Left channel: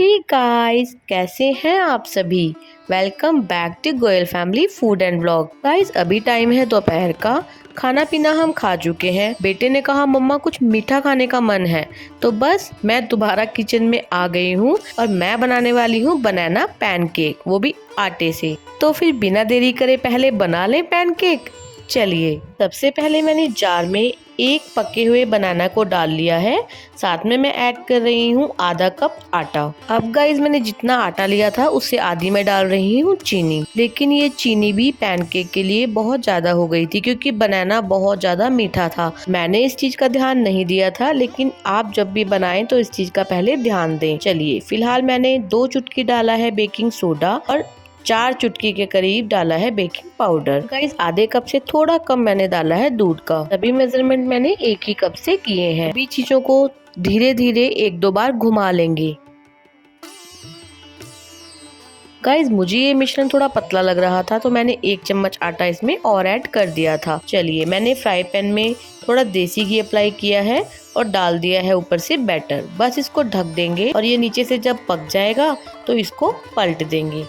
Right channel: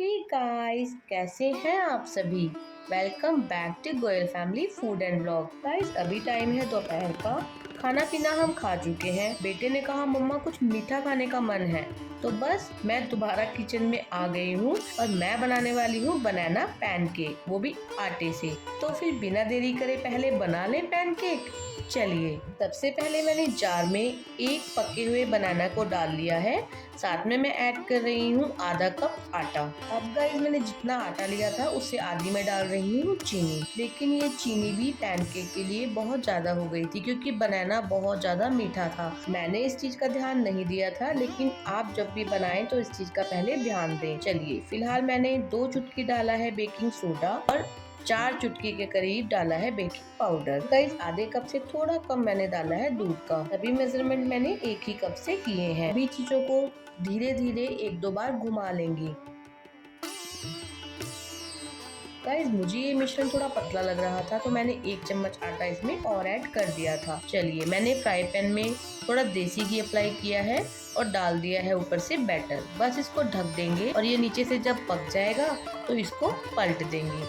Hey guys, कैसे हैं आप सभी। Welcome back to Goyal family food and vlog. Guys, अभी टाइम है दोपहर का। खाना पीना हम खा चुके हैं। बेटे ने कहा मम्मा कुछ मीठा खाने का मन है, तो बस मैं दोबारा किचन में आ गई हूँ और मैं बनाने वाली हूँ बनाना पैनकेक, वो भी आटे से। तो फिर बिना देरी करे पहले बना लें पैनकेक। चलिए, सबसे पहले मैंने जार में एक पके हुए बनाना को डाल लिया है। साथ में मैं ऐड कर रही हूँ आधा कप आटा। अब गाइस, मैंने जितना आटा लिया था उससे आधी मैं डाल रही हूँ चीनी। लेकिन ये चीनी भी पैनकेक के लिए बहुत ज्यादा हो गई थी क्योंकि बनाना बहुत ज्यादा मीठा था। मैंने इस चीज का ध्यान नहीं दिया था, लेकिन आप जब भी बनाएं तो इस चीज का पहले ध्यान दें। चलिए, फिलहाल मैंने 2 चुटकी डाला है बेकिंग सोडा और 4 चुटकी के करीब डाला है बेकिंग पाउडर। गाइस, आधे कप से थोड़ा कम मैंने डाला है दूध का। सभी मेजरमेंट मैंने एक ही कप से किए हैं। सभी चीजों को धीरे धीरे 1-2 बार घुमा लेंगे। गाइस, मुझे ये मिश्रण थोड़ा पतला लग रहा था तो मैंने 1 चम्मच आटा इसमें और ऐड कर दिया था। चलिए, मैंने फ्राई पैन में थोड़ा देसी घी अप्लाई किया है और डाल दिया है ऊपर से बैटर। बस इसको ढक देंगे और ये नीचे से जब पक जाएगा तो इसको पलट देंगे।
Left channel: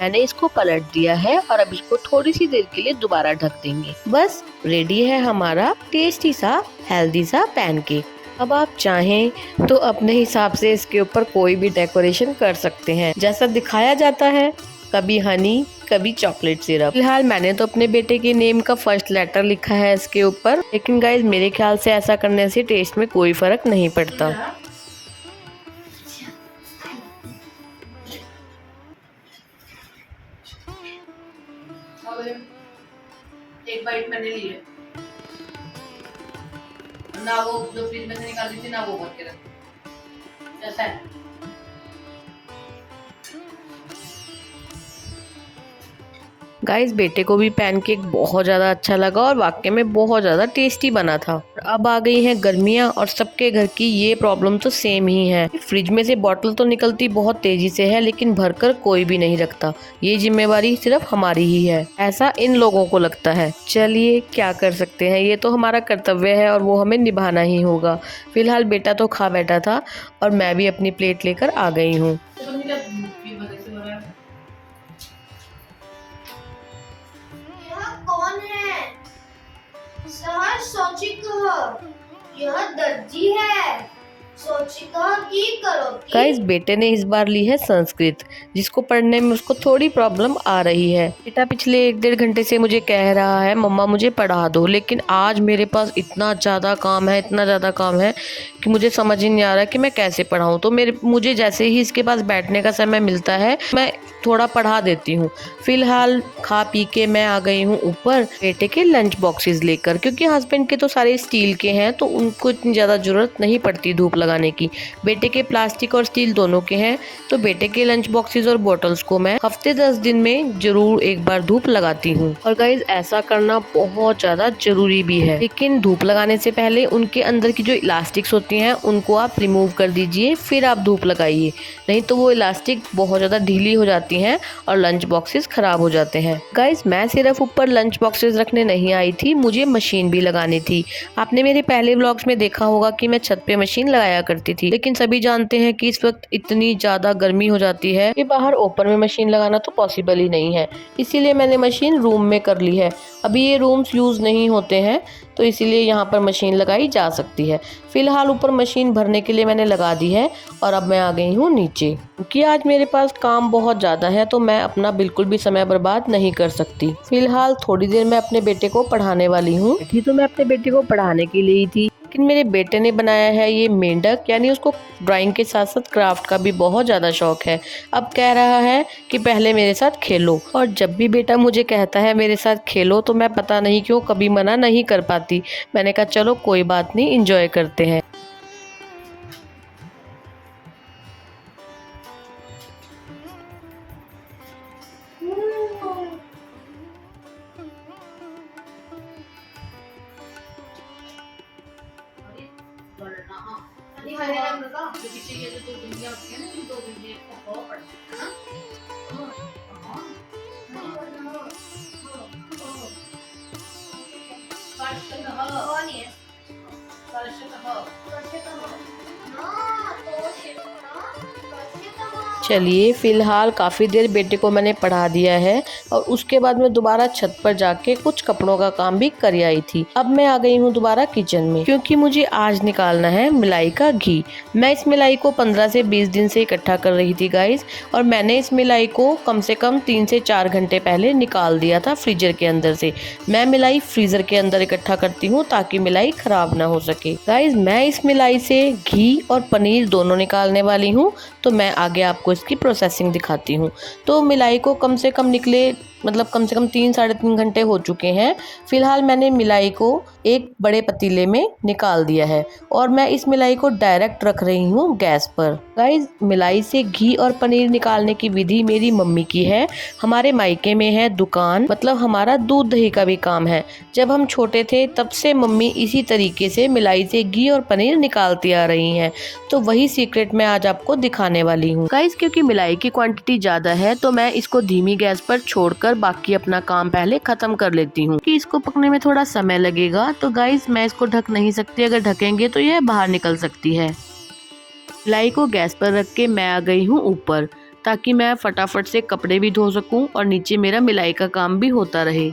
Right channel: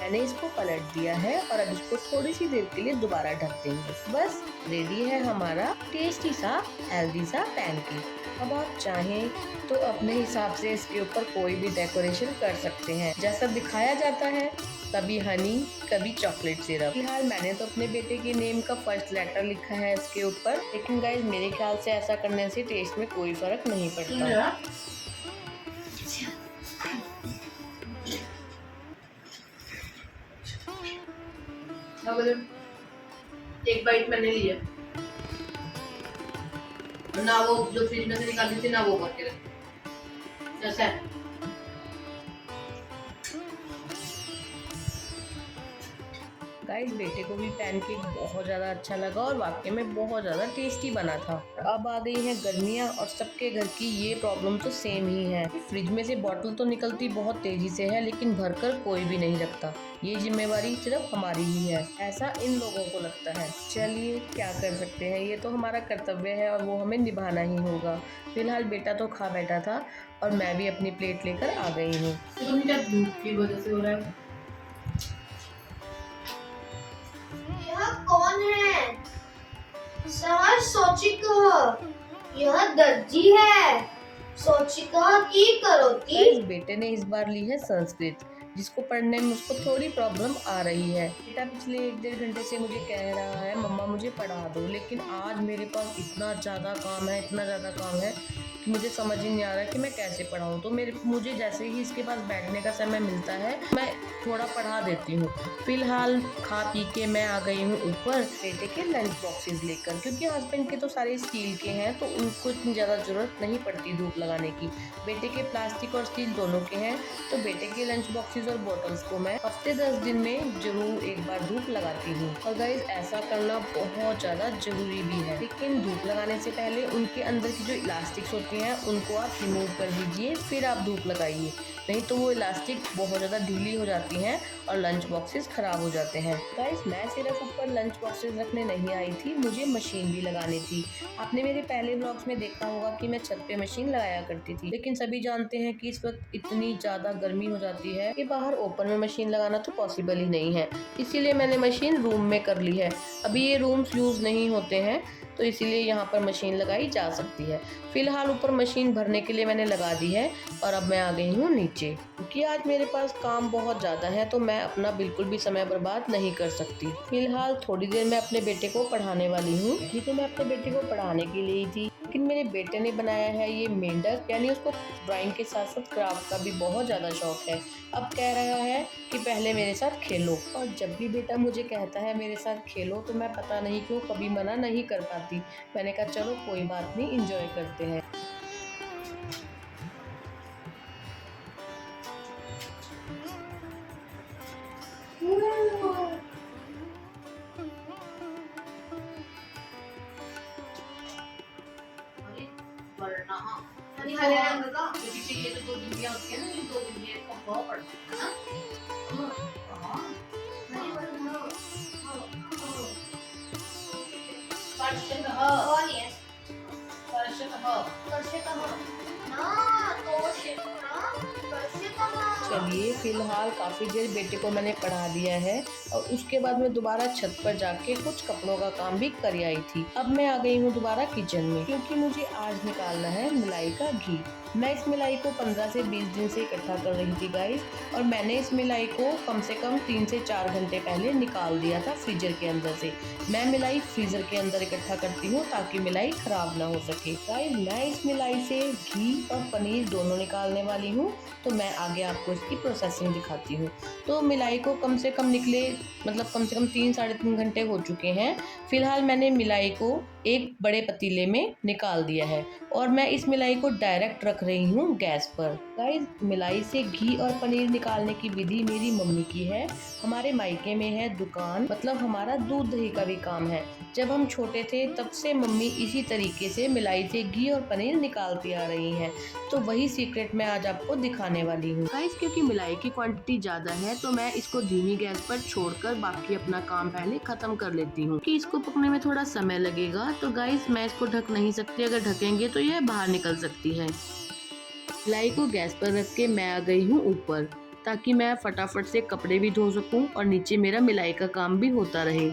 मैंने इसको पलट दिया है और अब इसको थोड़ी सी देर के लिए दोबारा ढक देंगे। बस रेडी है हमारा टेस्टी सा हेल्दी सा पैनकेक। अब आप चाहें तो अपने हिसाब से इसके ऊपर कोई भी डेकोरेशन कर सकते हैं, जैसा दिखाया जाता है, कभी हनी कभी चॉकलेट सिरप। फिलहाल मैंने तो अपने बेटे के नेम का फर्स्ट लेटर लिखा है इसके ऊपर, लेकिन गाइस मेरे ख्याल से ऐसा करने से टेस्ट में कोई फर्क नहीं पड़ता। एक बाइट मैंने ली है ना, वो जो फ्रिज में से निकाली थी ना, वो भर के रख ऐसा है। गाइस, बेटे को भी पैनकेक बहुत ज़्यादा अच्छा लगा और वाकई में बहुत ज़्यादा टेस्टी बना था। अब आ गई हैं गर्मियाँ और सबके घर की ये प्रॉब्लम तो सेम ही है। फ्रिज में से बॉटल तो निकलती बहुत तेजी से है, लेकिन भरकर कोई भी नहीं रखता। ये जिम्मेवारी सिर्फ हमारी ही है, ऐसा इन लोगों को लगता है। चलिए, क्या कर सकते हैं, ये तो हमारा कर्तव्य है और वो हमें निभाना ही होगा। फिलहाल बेटा तो खा बैठा था और मैं भी अपनी प्लेट लेकर आ गई हूँ। कौन है? सर, सोची कहो, यह दर्जी है। सोची कहो की करो की। गाइस, बेटे ने इस बार ली है संस्कृत, जिसको पढ़ने में उसको थोड़ी प्रॉब्लम आ रही है। बेटा पिछले 1-1.5 घंटे से मुझे कह रहा है मम्मा मुझे पढ़ा दो, लेकिन आज मेरे पास इतना ज़्यादा काम है, इतना ज़्यादा काम है कि मुझे समझ ही नहीं आ रहा कि मैं कैसे पढ़ाऊँ। तो मुझे जैसे ही इसके पास बैठने का समय मिलता है मैं थोड़ा पढ़ा देती हूँ। फिलहाल खा पी के मैं आ गई हूँ ऊपर बेटे के लंच बॉक्सेस लेकर, क्योंकि हस्बैंड के तो सारे स्टील के हैं तो उनको इतनी ज़्यादा ज़रूरत नहीं पड़ती धूप लगाने की। बेटे के प्लास्टिक और स्टील दोनों के हैं, तो बेटे के लंच बॉक्सेस और बॉटल्स को मैं हफ्ते 10 दिन में जरूर एक बार धूप लगाती हूँ। और गाइज, ऐसा करना बहुत ज़्यादा जरूरी भी है, लेकिन धूप लगाने से पहले उनके अंदर की जो इलास्टिक्स होती हैं उनको आप रिमूव कर दीजिए, फिर आप धूप लगाइए, नहीं तो वो इलास्टिक बहुत ज़्यादा ढीली हो जाती हैं और लंच बॉक्सेस खराब हो जाते हैं। गाइज, मैं सिर्फ ऊपर लंच बॉक्सेस रखने नहीं आई थी, मुझे मशीन भी लगानी थी। आपने मेरे पहले व्लॉग्स में देखा होगा कि मैं छत पे मशीन लगाया करती थी, लेकिन सभी जानते हैं कि इस वक्त इतनी ज़्यादा गर्मी हो जाती है कि बाहर ओपन में मशीन लगाना तो पॉसिबल ही नहीं है। इसीलिए मैंने मशीन रूम में कर ली है। अभी ये रूम्स यूज़ नहीं होते हैं, तो इसीलिए यहाँ पर मशीन लगाई जा सकती है। फिलहाल ऊपर मशीन भरने के लिए मैंने लगा दी है और अब मैं आ गई हूँ नीचे, क्योंकि आज मेरे पास काम बहुत ज़्यादा है तो मैं अपना बिल्कुल भी समय बर्बाद नहीं कर सकती। फिलहाल थोड़ी देर मैं अपने बेटे को पढ़ाने वाली हूँ। तो मैं अपने बेटे को पढ़ाने के लिए ही थी, लेकिन मेरे बेटे ने बनाया है ये मेंढक, यानी उसको ड्राइंग के साथ साथ क्राफ्ट का भी बहुत ज़्यादा शौक है। अब कह रहा है कि पहले मेरे साथ खेलो, और जब भी बेटा मुझे कहता है मेरे साथ खेलो तो मैं पता नहीं क्यों कभी मना नहीं कर पाती। मैंने कहा चलो कोई बात नहीं, एंजॉय करते हैं। हरे रंग का पीछे ये जो 2 बिंदियां होती है ना, इन 2 बिंदियों को बहुत पड़ता है। कौन है चलिए फिलहाल काफ़ी देर बेटे को मैंने पढ़ा दिया है और उसके बाद मैं दोबारा छत पर जाके कुछ कपड़ों का काम भी कर आई थी। अब मैं आ गई हूँ दोबारा किचन में क्योंकि मुझे आज निकालना है मिलाई का घी। मैं इस मिलाई को 15 से 20 दिन से इकट्ठा कर रही थी गाइस, और मैंने इस मिलाई को कम से कम 3 से 4 घंटे पहले निकाल दिया था फ्रीजर के अंदर से। मैं मिलाई फ्रीजर के अंदर इकट्ठा करती हूँ ताकि मिलाई खराब ना हो सके। गाइस मैं इस मिलाई से घी और पनीर दोनों निकालने वाली हूँ, तो मैं आगे आपको इसकी प्रोसेसिंग दिखाती हूँ। तो मिलाई को कम से कम निकले कम से कम 3 साढ़े 3 घंटे हो चुके हैं। फिलहाल मैंने मिलाई को एक बड़े पतीले में निकाल दिया है और मैं इस मिलाई को डायरेक्ट रख रही हूँ गैस पर। गाइस मिलाई से घी और पनीर निकालने की विधि मेरी मम्मी की है। हमारे मायके में है दुकान, हमारा दूध दही का भी काम है। जब हम छोटे थे तब से मम्मी इसी तरीके से मिलाई से घी और पनीर निकालती आ रही हैं, तो वही सीक्रेट मैं आज आपको दिखाने वाली हूँ। गाइस क्योंकि मिलाई की क्वांटिटी ज्यादा है तो मैं इसको धीमी गैस पर छोड़कर बाकी अपना काम पहले खत्म कर लेती हूँ कि इसको पकने में थोड़ा समय लगेगा। तो गाइस मैं इसको ढक नहीं सकती, अगर ढकेंगे तो यह बाहर निकल सकती है। मिलाई को गैस पर रख के मैं आ गई हूँ ऊपर, ताकि मैं फटाफट से कपड़े भी धो सकूं और नीचे मेरा मिलाई का काम भी होता रहे।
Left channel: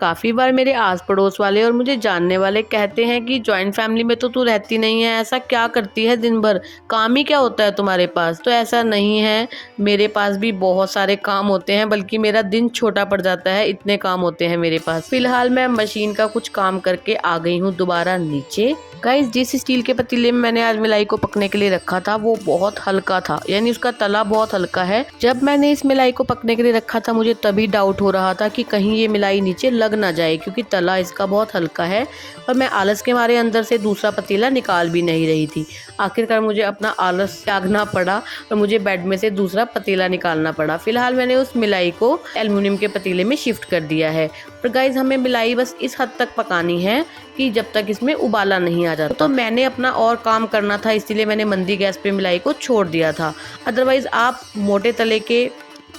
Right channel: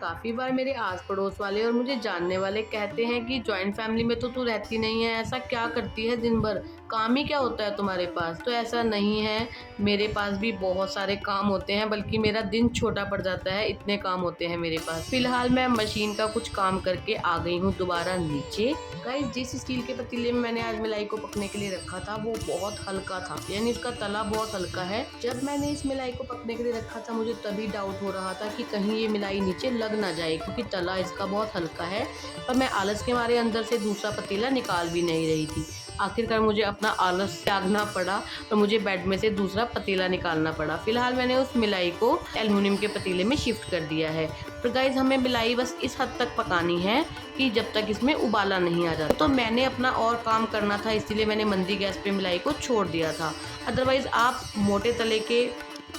काफ़ी बार मेरे आस पड़ोस वाले और मुझे जानने वाले कहते हैं कि जॉइंट फैमिली में तो तू रहती नहीं है, ऐसा क्या करती है दिन भर, काम ही क्या होता है तुम्हारे पास। तो ऐसा नहीं है, मेरे पास भी बहुत सारे काम होते हैं, बल्कि मेरा दिन छोटा पड़ जाता है, इतने काम होते हैं मेरे पास। फिलहाल मैं मशीन का कुछ काम करके आ गई हूँ दोबारा नीचे। गाइस जिस स्टील के पतीले में मैंने आज मिलाई को पकने के लिए रखा था वो बहुत हल्का था, यानी उसका तला बहुत हल्का है। जब मैंने इस मिलाई को पकने के लिए रखा था मुझे तभी डाउट हो रहा था कि कहीं ये मिलाई नीचे लग ना जाए, क्योंकि तला इसका बहुत हल्का है। पर मैं आलस के मारे अंदर से दूसरा पतीला निकाल भी नहीं रही थी। आखिरकार मुझे अपना आलस त्यागना पड़ा और मुझे बेड में से दूसरा पतीला निकालना पड़ा। फिलहाल मैंने उस मिलाई को एल्युमिनियम के पतीले में शिफ्ट कर दिया है। पर गाइस हमें मिलाई बस इस हद तक पकानी है कि जब तक इसमें उबाला नहीं आ जाता। तो मैंने अपना और काम करना था, इसीलिए मैंने मंदी गैस पे मिलाई को छोड़ दिया था। अदरवाइज आप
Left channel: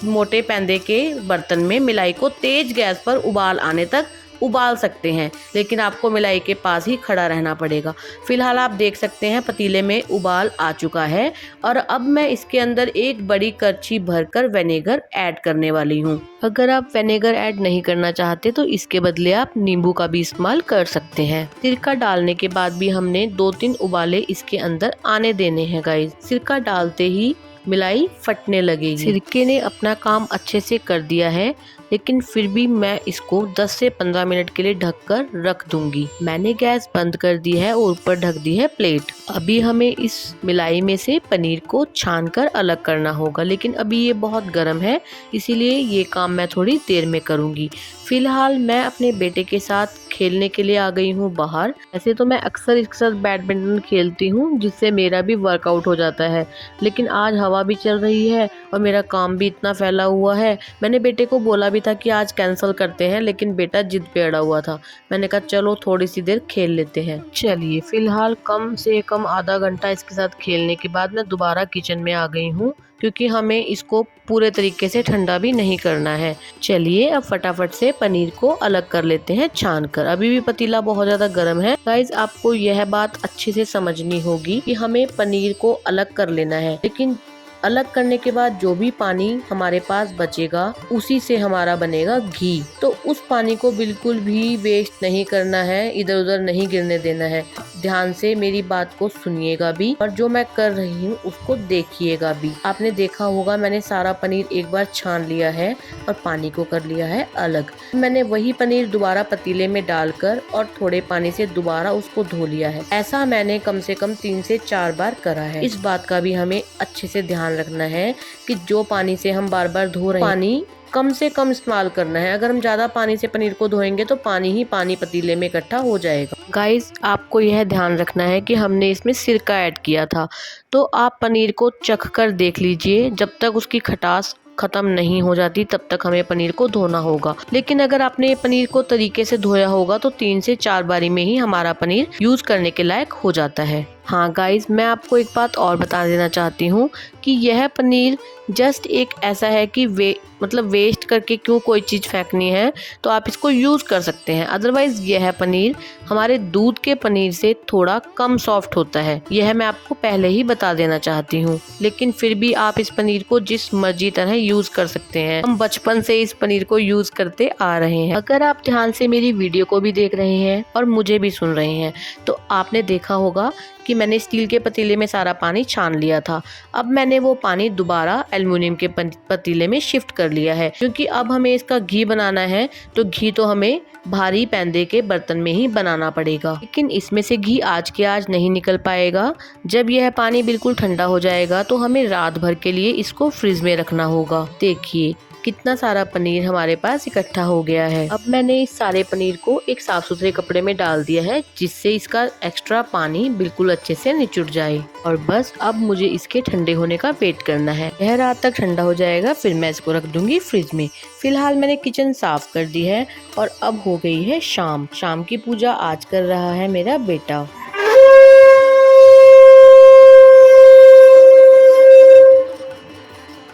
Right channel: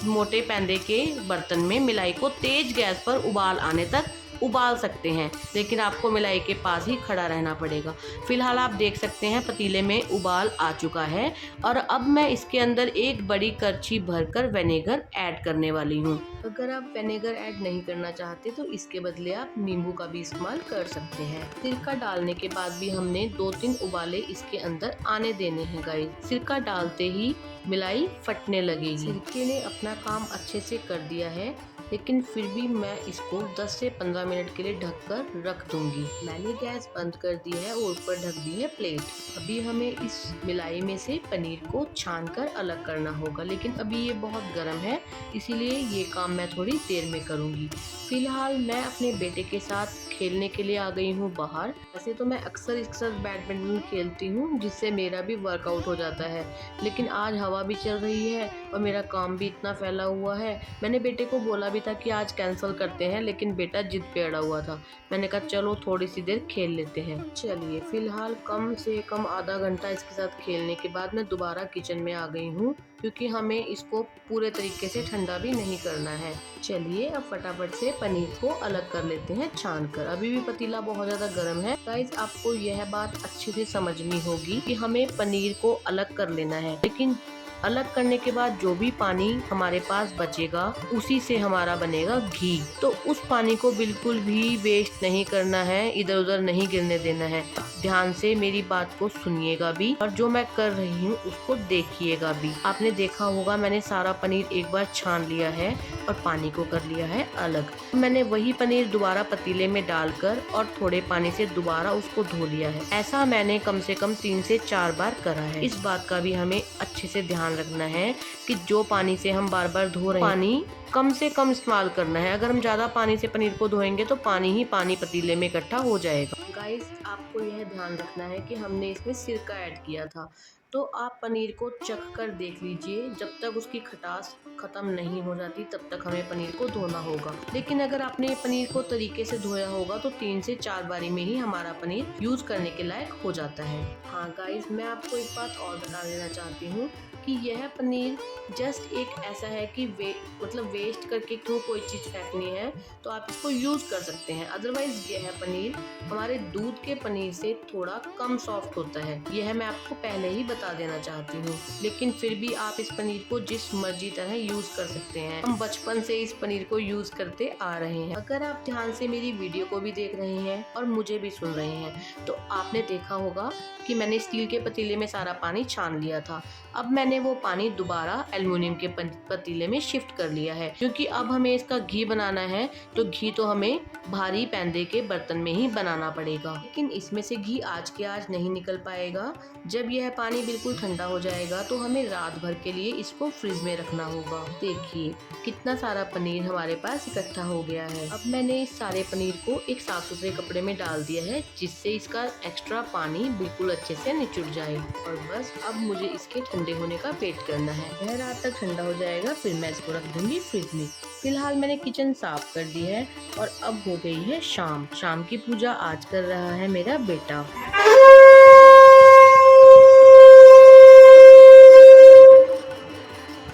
मोटे पैंदे के बर्तन में मिलाई को तेज गैस पर उबाल आने तक उबाल सकते हैं, लेकिन आपको मिलाई के पास ही खड़ा रहना पड़ेगा। फिलहाल आप देख सकते हैं पतीले में उबाल आ चुका है और अब मैं इसके अंदर एक बड़ी करछी भरकर विनेगर ऐड करने वाली हूँ। अगर आप विनेगर ऐड नहीं करना चाहते तो इसके बदले आप नींबू का भी इस्तेमाल कर सकते हैं। सिरका डालने के बाद भी हमने 2-3 उबाले इसके अंदर आने देने हैं गाइस। सिरका डालते ही मिलाई फटने लगेगी। सिरके ने अपना काम अच्छे से कर दिया है, लेकिन फिर भी मैं इसको 10 से 15 मिनट के लिए ढककर रख दूंगी। मैंने गैस बंद कर दी है और ऊपर ढक दी है प्लेट। अभी हमें इस मिलाई में से पनीर को छानकर अलग करना होगा, लेकिन अभी ये बहुत गर्म है, इसीलिए ये काम मैं थोड़ी देर में करूंगी। फिलहाल मैं अपने बेटे के साथ खेलने के लिए आ गई हूँ बाहर। ऐसे तो मैं अक्सर इसके साथ बैडमिंटन खेलती हूँ, जिससे मेरा भी वर्कआउट हो जाता है, लेकिन आज हवा भी चल रही है और मेरा काम भी इतना फैला हुआ है। मैंने बेटे को बोला भी था कि आज कैंसिल करते हैं, लेकिन बेटा जिद पे अड़ा हुआ था। मैंने कहा चलो थोड़ी सी देर खेल लेते हैं। चलिए फिलहाल कम से कम आधा घंटा इसके साथ खेलने के बाद मैं दोबारा किचन में आ गई हूँ, क्योंकि हमें इसको पूरे तरीके से ठंडा भी नहीं करना है। चलिए अब फटाफट से पनीर को अलग कर लेते हैं छान कर। अभी भी पतीला बहुत ज्यादा गर्म है। गाइस आपको यह बात अच्छे से समझनी होगी कि हमें पनीर को अलग कर लेना है, लेकिन अलग करने के बाद जो भी पानी हमारे पास बचेगा उसी से हमारा बनेगा घी। तो उस पानी को बिल्कुल भी वेस्ट नहीं करना है, इधर उधर नहीं गिरने देना है। ध्यान से मेरी बात को सुनिएगा भी और जो मैं कर रही हूँ उसको देखिएगा भी। आपने देखा होगा मैंने सारा पनीर एक बार छान लिया है और पानी को कर लिया है अलग। मैंने वही पनीर दोबारा पतीले में डालकर और थोड़े पानी से दोबारा उसको धो लिया है। ऐसा मैंने कम से कम 3 से 4 बार करा है। इस बात का भी हमें अच्छे से ध्यान रखना है कि जो पानी से हम बार बार धो रहे हैं पानी कम से कम इस्तेमाल करना है। अगर हम ज्यादा पानी से पनीर को धोएंगे तो पानी ही पानी पतीले में इकट्ठा हो जाएगा। गाइस आपको यह ध्यान रखना है कि हमने इसमें सिरका ऐड किया था, तो आप पनीर को चख कर देख लीजिए। जब तक उसकी खटास ख़त्म नहीं हो जाती तब तक हमें पनीर को धोना होगा। लेकिन अगर आपने पनीर को तरीके से धोया होगा तो 3 से 4 बारी में ही हमारा पनीर यूज़ करने के लायक हो जाता है। हाँ गाइज, मैं आपको एक बात और बता देना चाहती हूँ कि यह पनीर जस्ट एक ऐसा है कि वेस्ट करके क्यों कोई चीज़ फेंकनी है, तो आप इसको यूज़ कर सकते हैं। अदरवाइज़ यह पनीर हमारे दूध के पनीर से थोड़ा कम सॉफ्ट होता है, यह मैं आपको पहले ही बता देना चाहती हूँ। लेकिन फिर भी आप इस पनीर को जिस मर्जी तरह यूज़ कर सकते हैं। हम बचपन से इस पनीर को यूज़ करते आ रहे हैं। अगर आप ध्यान से मेरी वीडियो को भी देख रहे हैं और मुझे भी सुन रहे हैं तो आपने देखा होगा कि मैंने स्टील के पतीले में सारा पानी छान लिया था। अब मैंने वो पानी दोबारा एल्युमिनियम के पतीले में शिफ्ट कर लिया है, क्योंकि अब हमें इसका घी बनाना है तो घी तो हमें भारी पैंदे के बर्तन में ही बनाना पड़ेगा। लेकिन इसमें से घी आज के आज नहीं निकल पाएगा। जब यह पानी बिल्कुल ठंडा हो जाएगा तो हमें रात भर के लिए इसको फ्रिज में रखना होगा। देखिए कितना सारा पनीर हमारे पास इकट्ठा हो गया है। अब मैंने इस सारे पनीर को एक साफ सुथरे कपड़े में डाल दिया है, जिससे इसका एक्स्ट्रा पानी बिल्कुल अच्छे से निचुड़ जाए। और बस अब मुझे इसके ठंडे होने का वेट करना है। यह रात तक ठंडा हो जाएगा, फिर मैं इसको रख दूंगी फ्रिज में। फिलहाल मैंने किचन साफ कर दी है और अब हो गई है शाम। शाम की पूजा आज कर रहा है मेरा बेटा।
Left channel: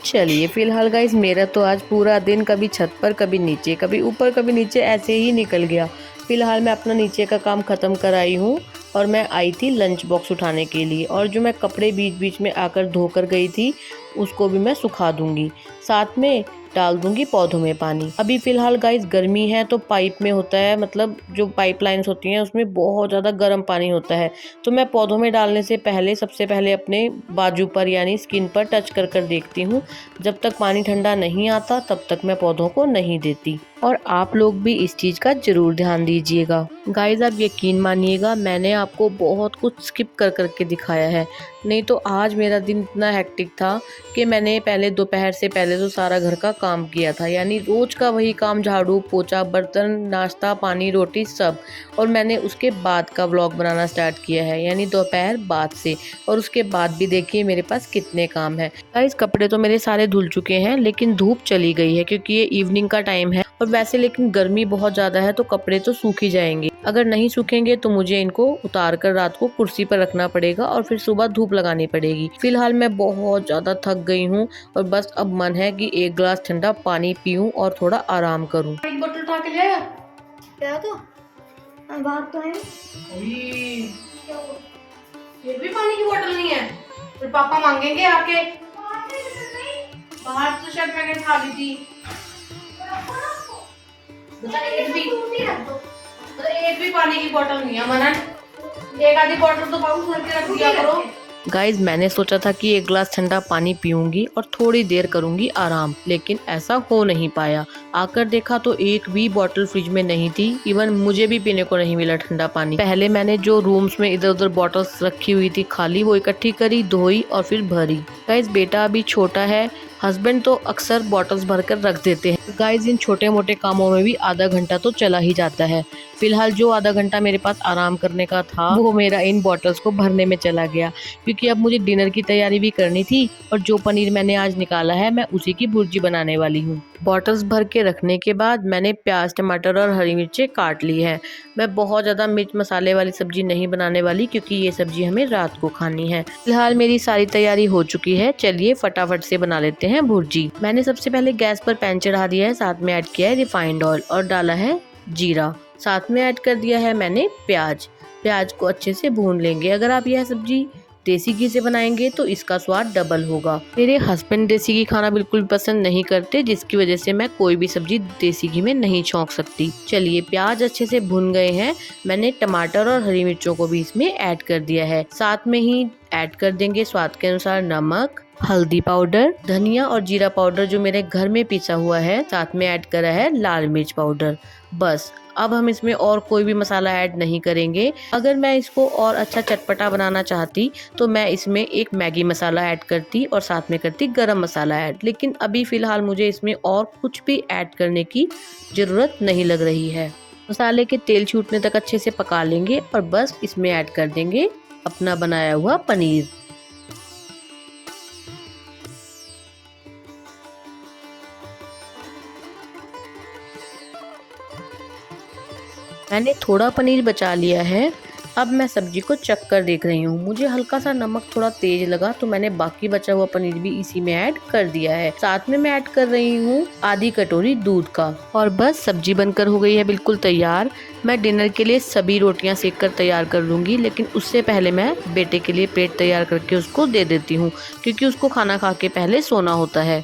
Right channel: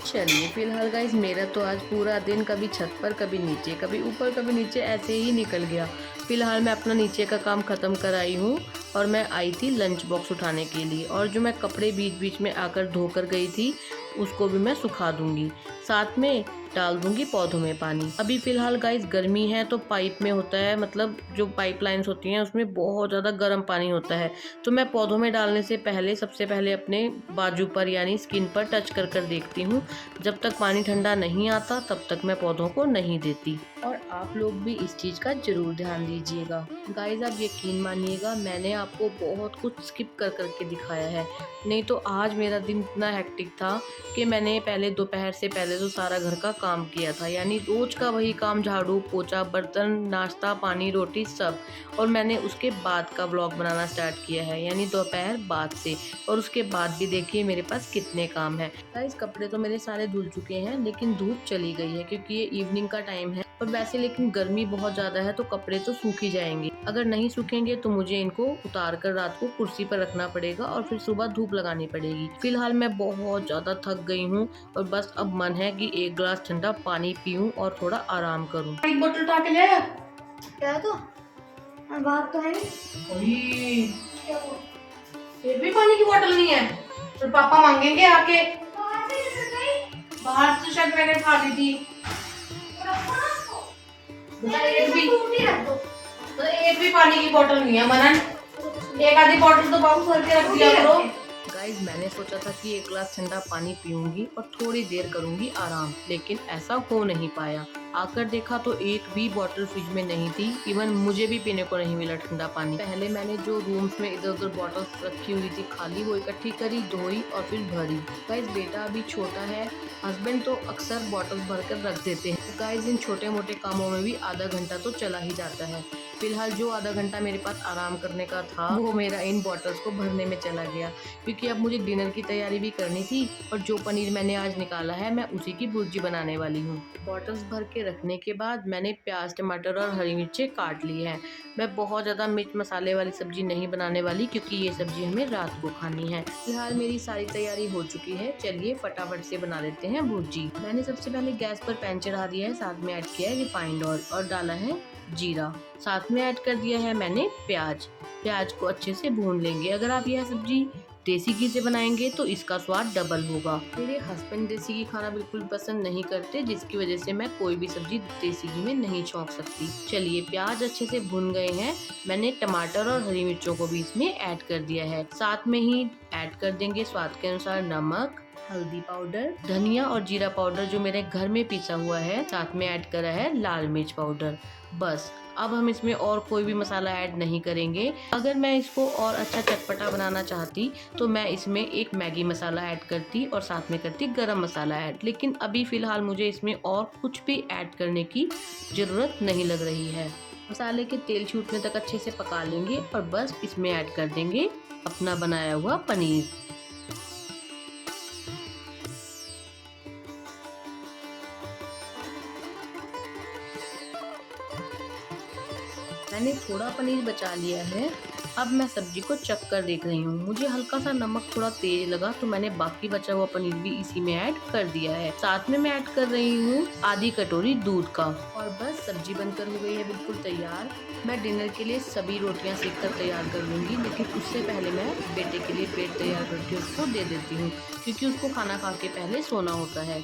चलिए फिलहाल गाइज मेरा तो आज पूरा दिन कभी छत पर कभी नीचे, कभी ऊपर कभी नीचे ऐसे ही निकल गया। फिलहाल मैं अपना नीचे का काम ख़त्म कर आई हूँ और मैं आई थी लंच बॉक्स उठाने के लिए। और जो मैं कपड़े बीच बीच में आकर धो कर गई थी उसको भी मैं सुखा दूंगी, साथ में डाल दूंगी पौधों में पानी। अभी फिलहाल गाइस गर्मी है तो पाइप में होता है, मतलब जो पाइपलाइंस होती हैं उसमें बहुत ज़्यादा गर्म पानी होता है। तो मैं पौधों में डालने से पहले सबसे पहले अपने बाजू पर यानी स्किन पर टच कर कर देखती हूँ। जब तक पानी ठंडा नहीं आता तब तक मैं पौधों को नहीं देती। और आप लोग भी इस चीज़ का ज़रूर ध्यान दीजिएगा। गाइस आप यकीन मानिएगा मैंने आपको बहुत कुछ स्किप कर करके दिखाया है, नहीं तो आज मेरा दिन इतना हेक्टिक था कि मैंने पहले दोपहर से पहले तो सारा घर का काम किया था, यानी रोज का वही काम, झाड़ू पोछा बर्तन नाश्ता पानी रोटी सब। और मैंने उसके बाद का व्लॉग बनाना स्टार्ट किया है, यानी दोपहर बाद से। और उसके बाद भी देखिए मेरे पास कितने काम है। गाइस कपड़े तो मेरे सारे धुल चुके हैं, लेकिन धूप चली गई है क्योंकि ये इवनिंग का टाइम है। और वैसे लेकिन गर्मी बहुत ज़्यादा है तो कपड़े तो सूख ही जाएंगे। अगर नहीं सूखेंगे तो मुझे इनको उतार कर रात को कुर्सी पर रखना पड़ेगा और फिर सुबह धूप लगानी पड़ेगी। फिलहाल मैं बहुत ज़्यादा थक गई हूँ और बस अब मन है कि एक गिलास ठंडा पानी पीऊँ और थोड़ा आराम करूँ। एक बोतल उठा के ले। क्या तो बात तो है। फिर भी पानी की बोतल नहीं है, फिर पापा मांगेंगे आके। बाहर तो शायद मैंने खा ली थी। एक भी पानी की बोतल नहीं है मनन, एक आधी बोतल तो बाबू भर के रख दिया करो। गाइज मैंने सोचा था कि एक गिलास ठंडा पानी पीऊंगी और थोड़ी देर करूंगी आराम, लेकिन ऐसा हो नहीं पाया। आकर देखा तो एक भी बोतल फ्रिज में नहीं थी, इवन मुझे भी पीने को नहीं मिला ठंडा पानी। पहले मैंने जो रूम्स में इधर उधर बॉटल्स रखी हुई थी खाली, वो इकट्ठी करी, धोई और फिर भरी। गाइज बेटा अभी छोटा है, हस्बैंड तो अक्सर बॉटल्स भरकर रख देते हैं। गाइज इन छोटे मोटे कामों में भी आधा घंटा तो चला ही जाता है। फिलहाल जो आधा घंटा मेरे पास आराम करने का था वो मेरा इन बॉटल्स को भरने में चला गया, क्योंकि अब मुझे डिनर की तैयारी भी करनी थी। और जो पनीर मैंने आज निकाला है मैं उसी की भुर्जी बनाने वाली हूँ। बॉटल्स भर के रखने के बाद मैंने प्याज टमाटर और हरी मिर्चें काट ली है। मैं बहुत ज़्यादा मिर्च मसाले वाली सब्जी नहीं बनाने वाली, क्योंकि ये सब्जी हमें रात को खानी है। फिलहाल मेरी सारी तैयारी हो चुकी है, चलिए फटाफट से बना लेते हैं भुर्जी। मैंने सबसे पहले गैस पर पैन चढ़ा दिया है, साथ में ऐड किया है रिफाइंड ऑयल और डाला है जीरा, साथ में ऐड कर दिया है मैंने प्याज को अच्छे से भून लेंगे। अगर आप यह सब्जी देसी घी से बनाएंगे तो इसका स्वाद डबल होगा। मेरे हस्बैंड देसी घी खाना बिल्कुल पसंद नहीं करते, जिसकी वजह से मैं कोई भी सब्जी देसी घी में नहीं छौंक सकती। चलिए प्याज अच्छे से भुन गए हैं, मैंने टमाटर और हरी मिर्चों को भी इसमें ऐड कर दिया है। साथ में ही ऐड कर देंगे स्वाद के अनुसार नमक, हल्दी पाउडर, धनिया और जीरा पाउडर जो मेरे घर में पिसा हुआ है, साथ में ऐड करा है लाल मिर्च पाउडर। बस अब हम इसमें और कोई भी मसाला ऐड नहीं करेंगे। अगर मैं इसको और अच्छा चटपटा बनाना चाहती तो मैं इसमें एक मैगी मसाला ऐड करती और साथ में करती गरम मसाला ऐड, लेकिन अभी फ़िलहाल मुझे इसमें और कुछ भी ऐड करने की ज़रूरत नहीं लग रही है। मसाले के तेल छूटने तक अच्छे से पका लेंगे और बस इसमें ऐड कर देंगे अपना बनाया हुआ पनीर। मैंने थोड़ा पनीर बचा लिया है। अब मैं सब्जी को चख कर देख रही हूँ। मुझे हल्का सा नमक थोड़ा तेज लगा तो मैंने बाकी बचा हुआ पनीर भी इसी में ऐड कर दिया है। साथ में मैं ऐड कर रही हूँ आधी कटोरी दूध का। और बस सब्जी बनकर हो गई है बिल्कुल तैयार। मैं डिनर के लिए सभी रोटियां सेक कर तैयार कर लूँगी, लेकिन उससे पहले मैं बेटे के लिए प्लेट तैयार करके उसको दे देती हूँ, क्योंकि उसको खाना खा के पहले सोना होता है।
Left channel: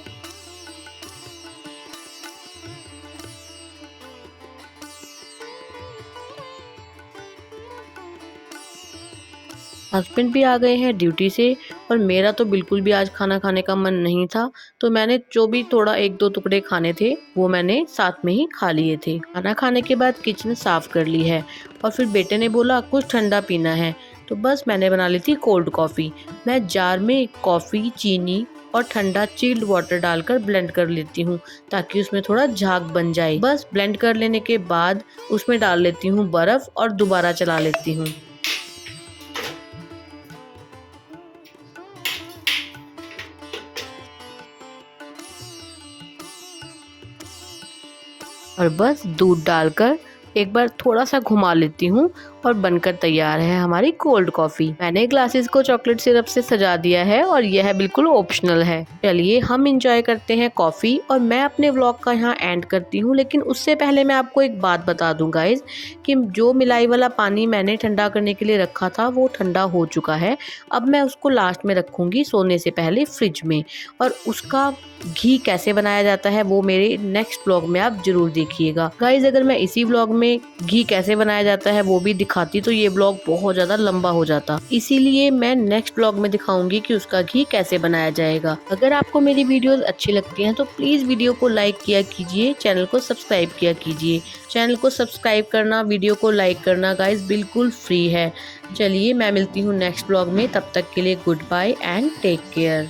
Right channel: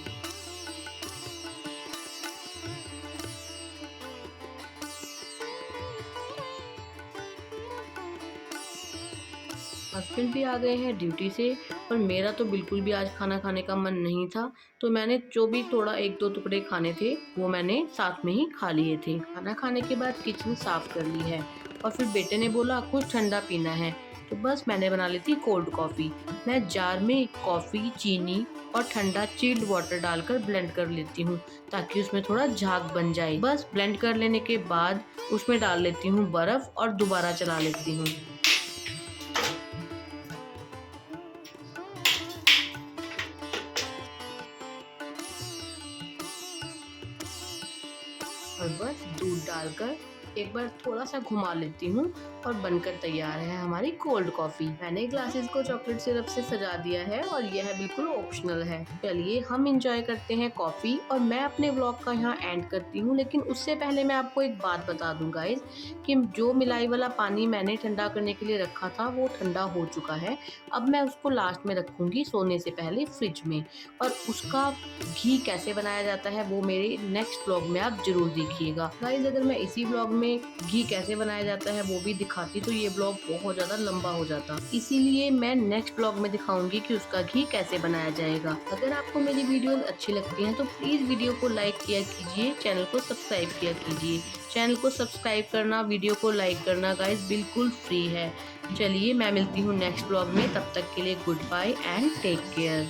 हस्बैंड भी आ गए हैं ड्यूटी से और मेरा तो बिल्कुल भी आज खाना खाने का मन नहीं था, तो मैंने जो भी थोड़ा 1-2 टुकड़े खाने थे वो मैंने साथ में ही खा लिए थे। खाना खाने के बाद किचन साफ कर ली है और फिर बेटे ने बोला कुछ ठंडा पीना है, तो बस मैंने बना ली थी कोल्ड कॉफ़ी। मैं जार में कॉफ़ी, चीनी और ठंडा चिल्ड वाटर डालकर ब्लेंड कर लेती हूँ ताकि उसमें थोड़ा झाग बन जाए। बस ब्लेंड कर लेने के बाद उसमें डाल लेती हूँ बर्फ़ और दोबारा चला लेती हूँ। और बस दूध डालकर एक बार थोड़ा सा घुमा लेती हूँ और बनकर तैयार है हमारी कोल्ड कॉफ़ी। मैंने ग्लासेस को चॉकलेट सिरप से सजा दिया है और यह बिल्कुल ऑप्शनल है। चलिए हम इंजॉय करते हैं कॉफ़ी और मैं अपने व्लॉग का यहाँ एंड करती हूँ। लेकिन उससे पहले मैं आपको एक बात बता दूँ गाइज कि जो मिलाई वाला पानी मैंने ठंडा करने के लिए रखा था वो ठंडा हो चुका है। अब मैं उसको लास्ट में रखूँगी सोने से पहले फ्रिज में, और उसका घी कैसे बनाया जाता है वो मेरे नेक्स्ट व्लॉग में आप जरूर देखिएगा। गाइज अगर मैं इसी व्लॉग में घी कैसे बनाया जाता है वो भी दिखाती तो ये ब्लॉग बहुत ज़्यादा लंबा हो जाता, इसीलिए मैं नेक्स्ट ब्लॉग में दिखाऊंगी कि उसका घी कैसे बनाया जाएगा। अगर आपको मेरी वीडियोस अच्छी लगती हैं तो प्लीज़ वीडियो को लाइक किया कीजिए, चैनल को सब्सक्राइब किया कीजिए। चैनल को सब्सक्राइब करना, वीडियो को लाइक करना गाइज बिल्कुल फ्री है। चलिए मैं मिलती हूँ नेक्स्ट ब्लॉग में, तब तक के लिए good bye and take care.